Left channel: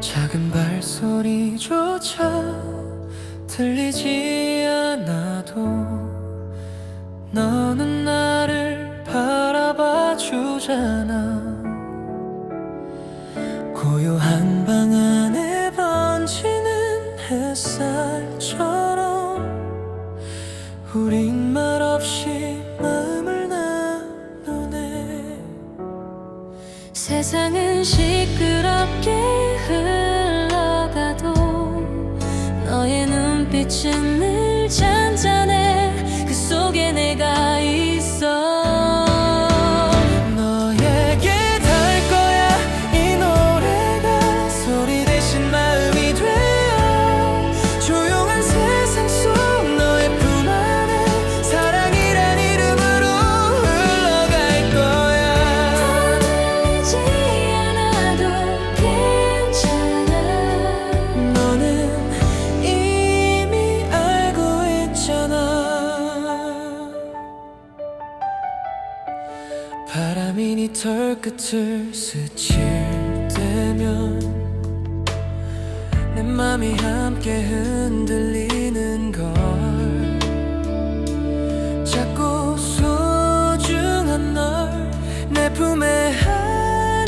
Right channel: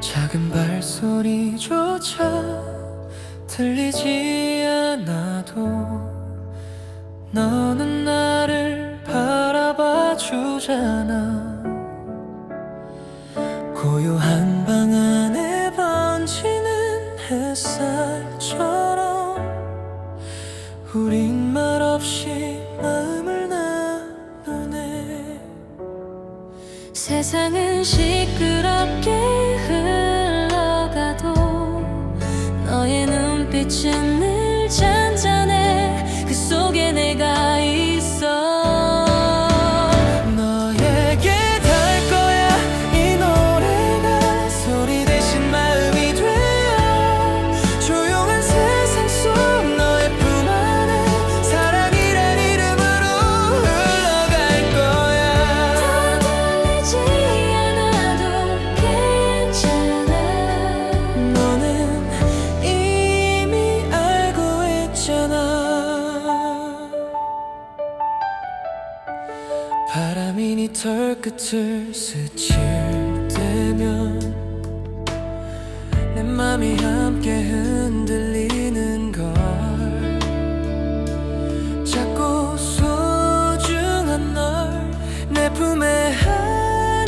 작은 발소리조차 들리지 않아도 너는 나를 바라봐 주잖아. 고요한 방 안에 번지는 햇살처럼 우린 말없이 마음을 나누네. 세상은 시끄럽게 흘러가도 너의 눈빛은 늘 잔잔해. 그 속에 내가 있어. 너에게 닿을 거야. 이 노래가 소리 대신 마음이 되어 조용한 세상 속 너의 품 안에 사랑이란 이름으로 흘러갈 거야. 소설 끝을 스칠 때면 내 맘이 함께 흔들리는 걸 자꾸 소중한 널 내 품에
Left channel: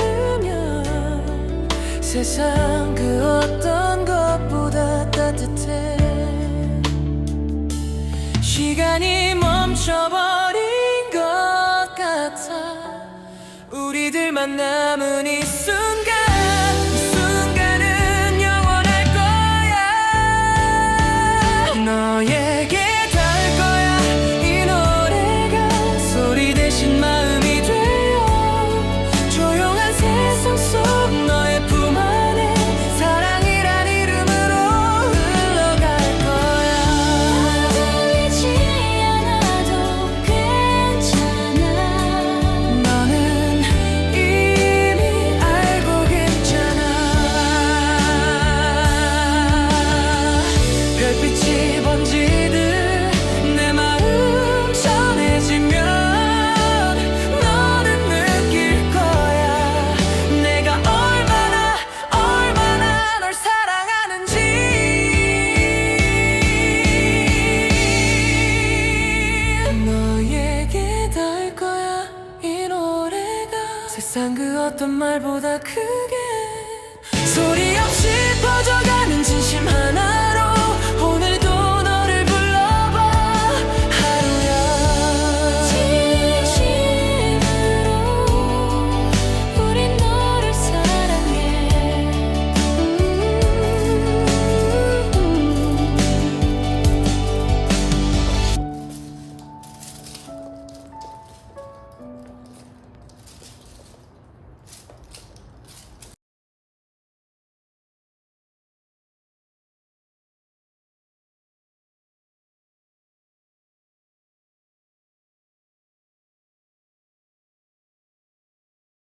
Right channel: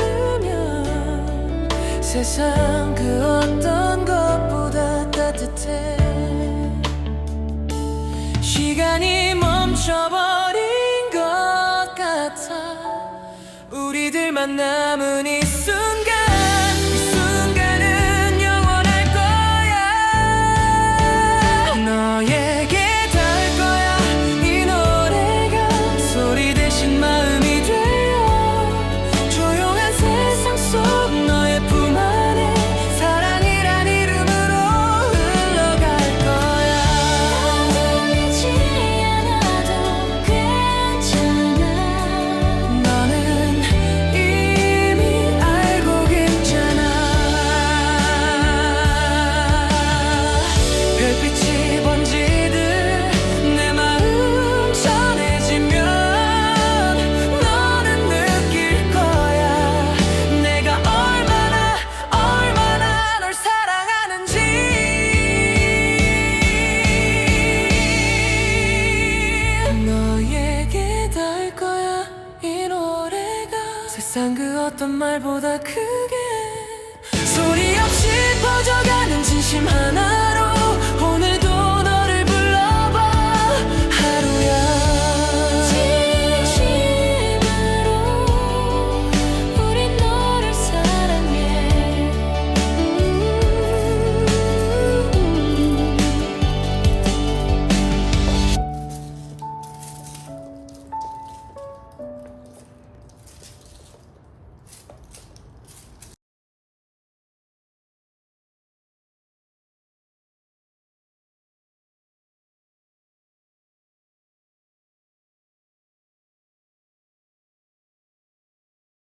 안으면 세상 그 어떤 것보다 따뜻해. 시간이 멈춰버린 것 같아. 우리들만 남은 이 순간, 이 순간은 영원할 거야. 너에게 닿을 거야. 이 노래가 소리 대신 마음이 되어 조용한 세상 속 너의 품 안에 사랑이란 이름으로 흘러갈 거야. 들리지 않아도 괜찮아. 너는 이미 알고 있잖아. 별빛이 번지듯 내 마음 전해지면 너는 느낄 거야. 내가 얼마나 널 사랑하는지. 너에게 닿을 거야. 이 노래가 세상 그 어떤 말보다 크게 소리 없이 퍼져가는 진심 하나로 오늘도